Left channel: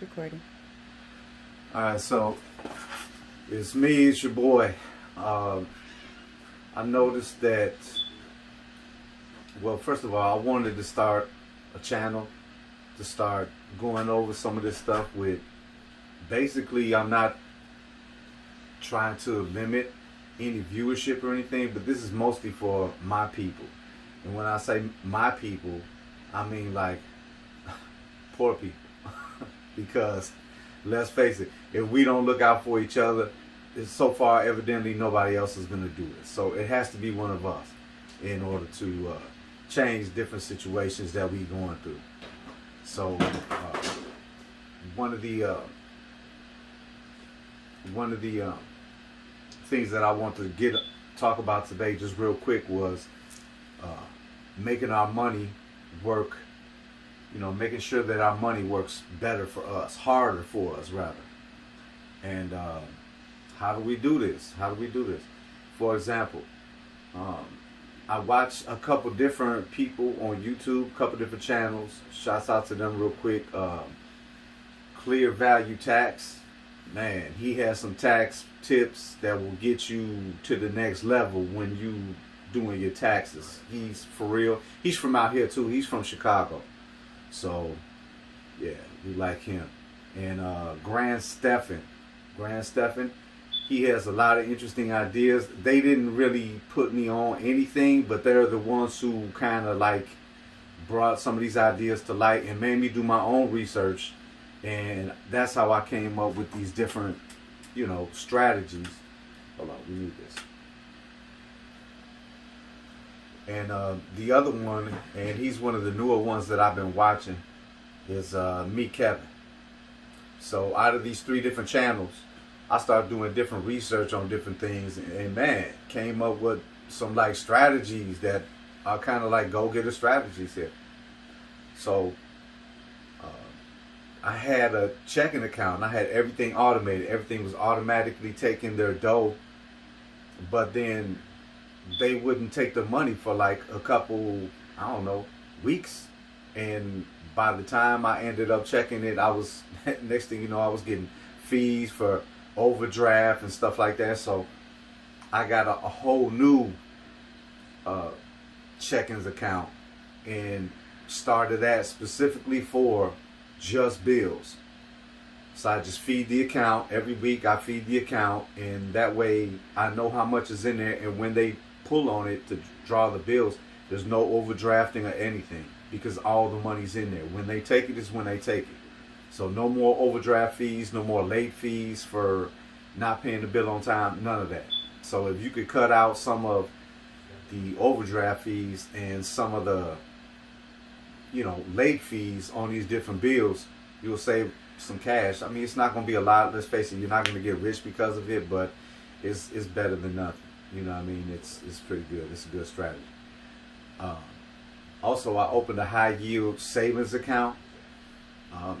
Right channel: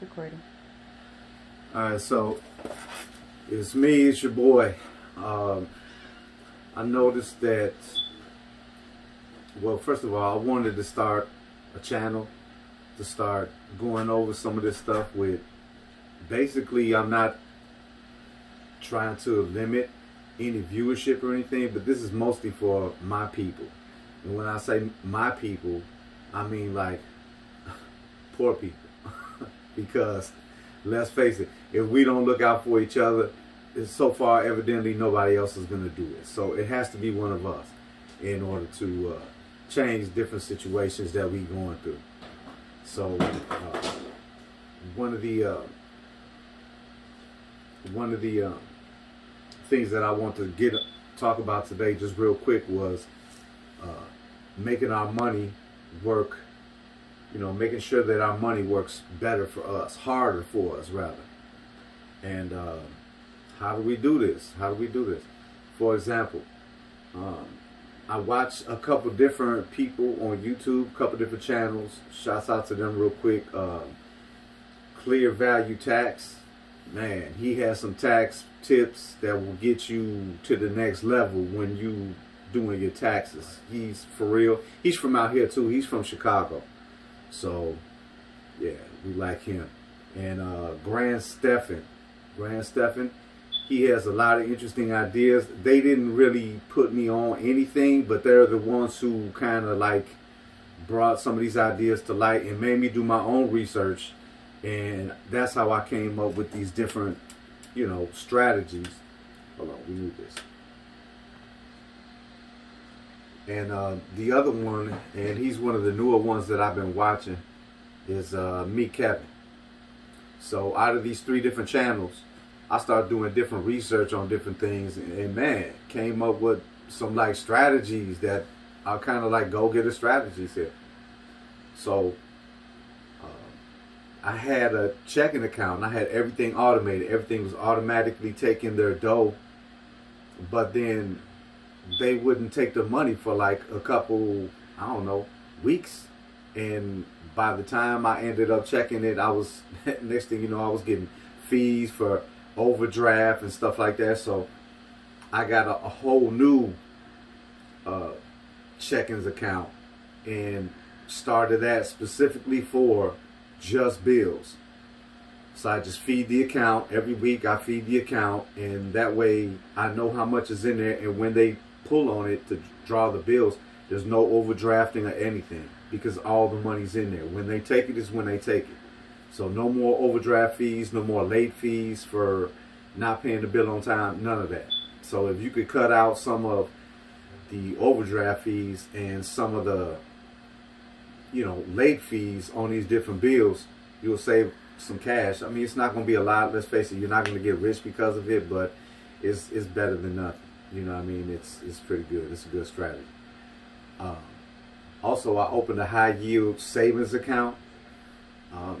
Recording. Alright, so it's me, it's your boy. I noticed that, well, first of all, I wanted to start a channel to start going over some of this stuff with, basically, I'm not trying to limit any viewership or anything, but this is mostly for my people. And when I say my people, I mean like poor people. Because let's face it, if we don't look out for each other, so far evidently nobody else is going to do it. So it has to be one of us in order to change different situations that we going through. So one of the things that I want to talk about today, just real quick, was making our money work. You know, making sure that our money works better for us, harder for us rather. And how do we do this? For example, I watch a couple different people on YouTube, a couple different channels. Shouts out to them real quick. Clear Value Tax. Man, he has some tax tips that will get you to the next level when you doing your taxes. He's for real. He's from out here too. He's from Chicago. So, yeah, we like him. And Grant Stephan, he has a lot of interesting ideas. They didn't really put me on anything, but they're the ones who kind of like brought some of these ideas to light and made me do my own research. And that's how I came up with these different, strategies. Hold on, we need this. And the other one, and he's one of the newer ones that I've been watching, is Meet Kevin. So out of these 3 different channels, I started doing different research on different things, and man, came up with some like strategies that are kind of like go-getter strategies here. So I had a checking account, and I had everything automated. Everything was automatically taking their dough, but then they wouldn't take the money for like a couple, I don't know, weeks. And by the time I ended up checking it, I was, next thing you know, I was getting fees for overdraft and stuff like that. So I got a whole new checkings account and started that specifically for just bills. So I just feed the account every week. I feed the account, and that way I know how much is in there, and when they pull on it to draw the bills, there's no overdrafting or anything, because all the money's in there. When they take it is when they take it. So no more overdraft fees, no more late fees for not paying the bill on time, none of that. So if you could cut out some of the overdraft fees and some of the late fees on these different bills, you'll save some cash. I mean, it's not going to be a lot, let's face it. You're not going to get rich because of it, but it's better than nothing. You know what I mean? It's pretty good. It's a good strategy. Also, I opened a high yield savings account.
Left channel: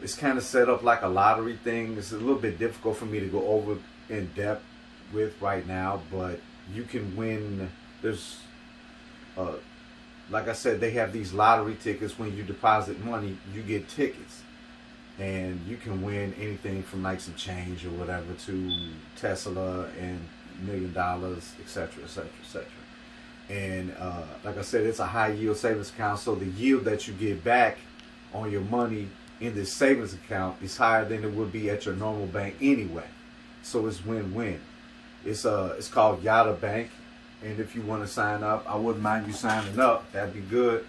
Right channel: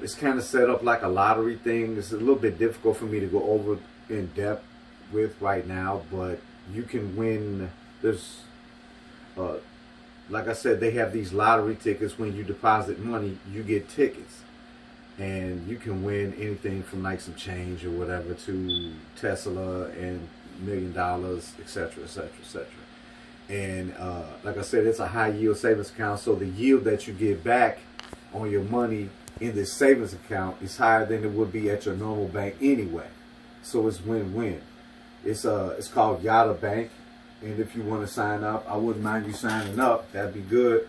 It's kind of set up like a lottery thing. It's a little bit difficult for me to go over in depth with right now, but you can win. There's, like I said, they have these lottery tickets. When you deposit money, you get tickets. And you can win anything from like some change or whatever to Tesla and $1 million, etc., etc., etc. And like I said, it's a high yield savings account, so the yield that you get back on your money in this savings account is higher than it would be at your normal bank anyway. So it's win-win. It's called Yada Bank, and if you want to sign up, I wouldn't mind you signing up. That'd be good.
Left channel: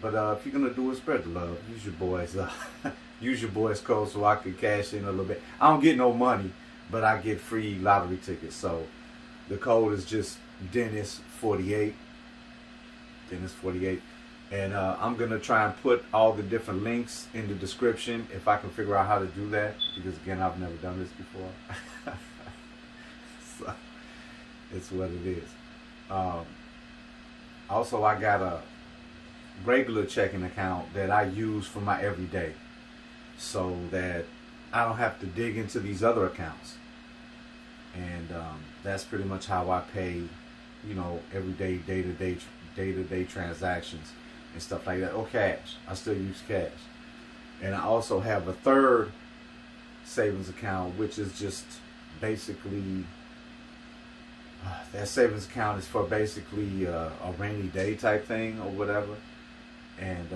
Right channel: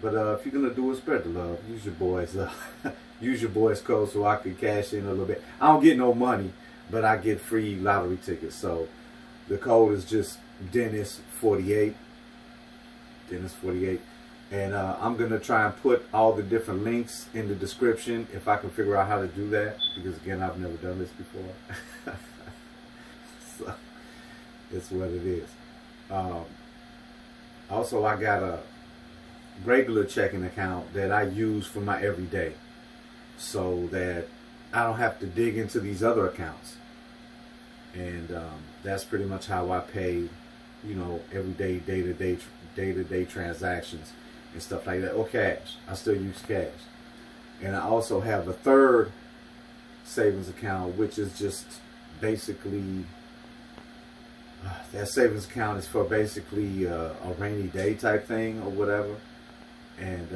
But if you're gonna do it, spread the love. Use your boys. Use your boys' code so I can cash in a little bit. I don't get no money, but I get free lottery tickets. So the code is just Dennis48. Dennis48. And I'm going to try and put all the different links in the description if I can figure out how to do that. Because, again, I've never done this before. So it's what it is. Also, I got a regular checking account that I use for my everyday, so that I don't have to dig into these other accounts. And that's pretty much how I pay, everyday, day-to-day transactions and stuff like that. Or cash. I still use cash. And I also have a third savings account, which is just basically that savings account is for basically a rainy day type thing or whatever. And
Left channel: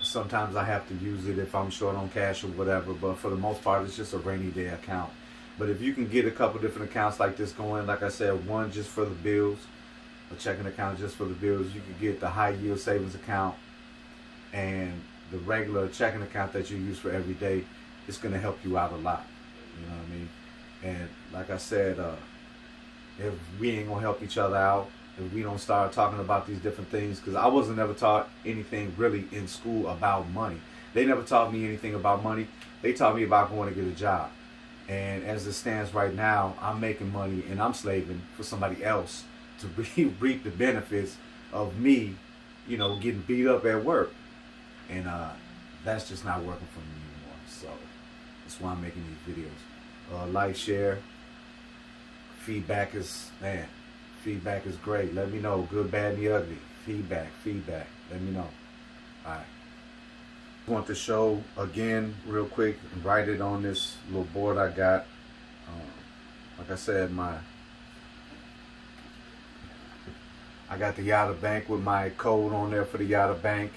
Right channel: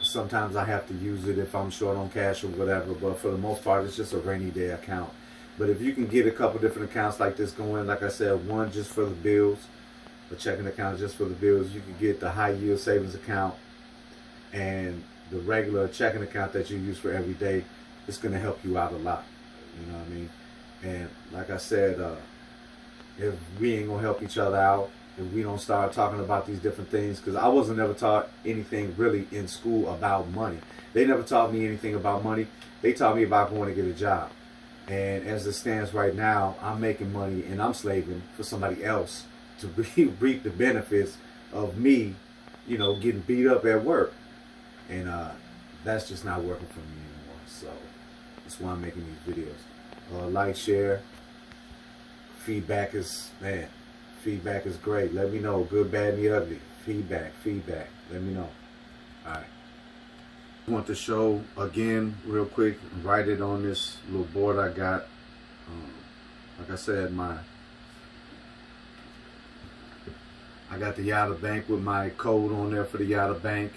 sometimes I have to use it if I'm short on cash or whatever, but for the most part it's just a rainy day account. But if you can get a couple different accounts like this going, like I said, one just for the bills, a checking account just for the bills, you can get the high yield savings account and the regular checking account that you use for every day. It's going to help you out a lot. You know what I mean? And like I said, if we ain't going to help each other out, if we don't start talking about these different things, because I wasn't ever taught anything really in school about money. They never taught me anything about money. They taught me about going to get a job. And as it stands right now, I'm making money and I'm slaving for somebody else to reap the benefits of me, you know, getting beat up at work. And that's just not working for me anymore. So that's why I'm making these videos. Like, share. Feedback is, man, feedback is great. Let me know. Good, bad, and the ugly. Feedback. Let me know. All right. I want to show again real quick, write it on this little board I got. Like I said, I got the Yada Bank with my code on there for the Yada Bank,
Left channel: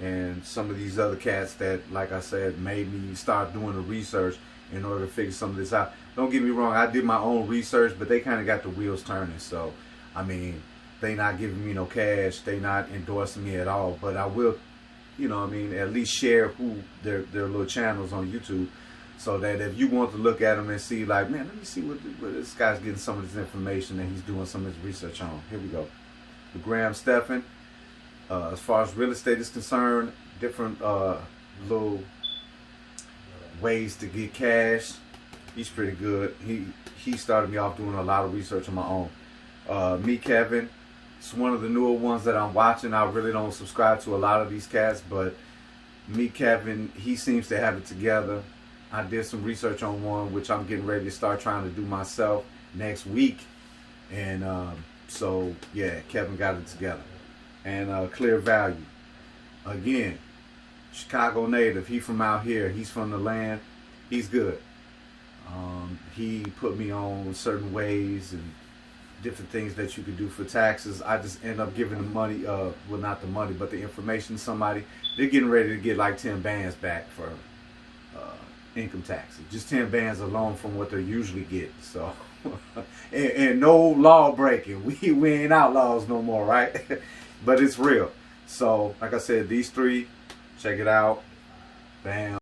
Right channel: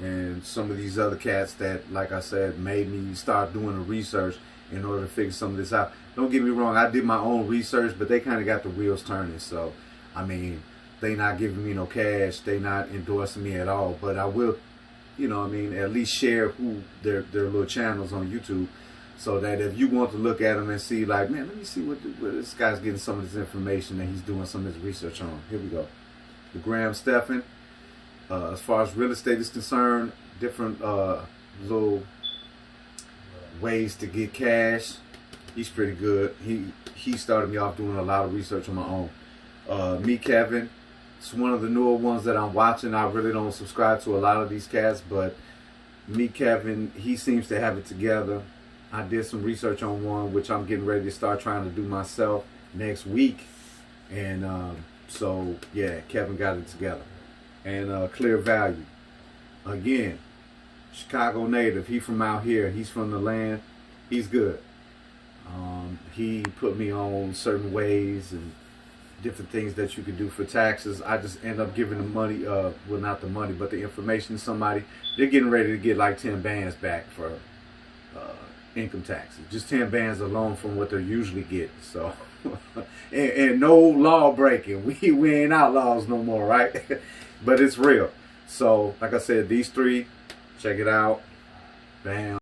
and some of these other cats that, like I said, made me start doing the research in order to figure some of this out. Don't get me wrong, I did my own research, but they kind of got the wheels turning. So, I mean, they not giving me no cash, they not endorsing me at all, but I will, you know what I mean, at least share who their little channels on YouTube, so that if you want to look at them and see, like, man, let me see what this guy's getting some of this information that he's doing some of his research on. Here we go. The Graham Stephan. As far as real estate is concerned, different little ways to get cash. He's pretty good. He started me off doing a lot of research on my own. Me, Kevin. It's one of the newer ones that I'm watching. I really don't subscribe to a lot of these cats, but Me, Kevin, he seems to have it together. I did some research on one, which I'm getting ready to start trying to do myself next week. And so, yeah, Kevin got it together. And Clear Value. Again, Chicago native. He from out here. He's from the land. He's good. He put me on certain ways and different things that you can do for taxes. I just end up giving the money, well, not the money, but the information to somebody. They're getting ready to get like 10 bands back for income taxes. Just 10 bands alone from what they're usually getting. So, and no law breaking. We ain't outlaws no more, right? But it's real. So, like I said, these three, check it out. Bam.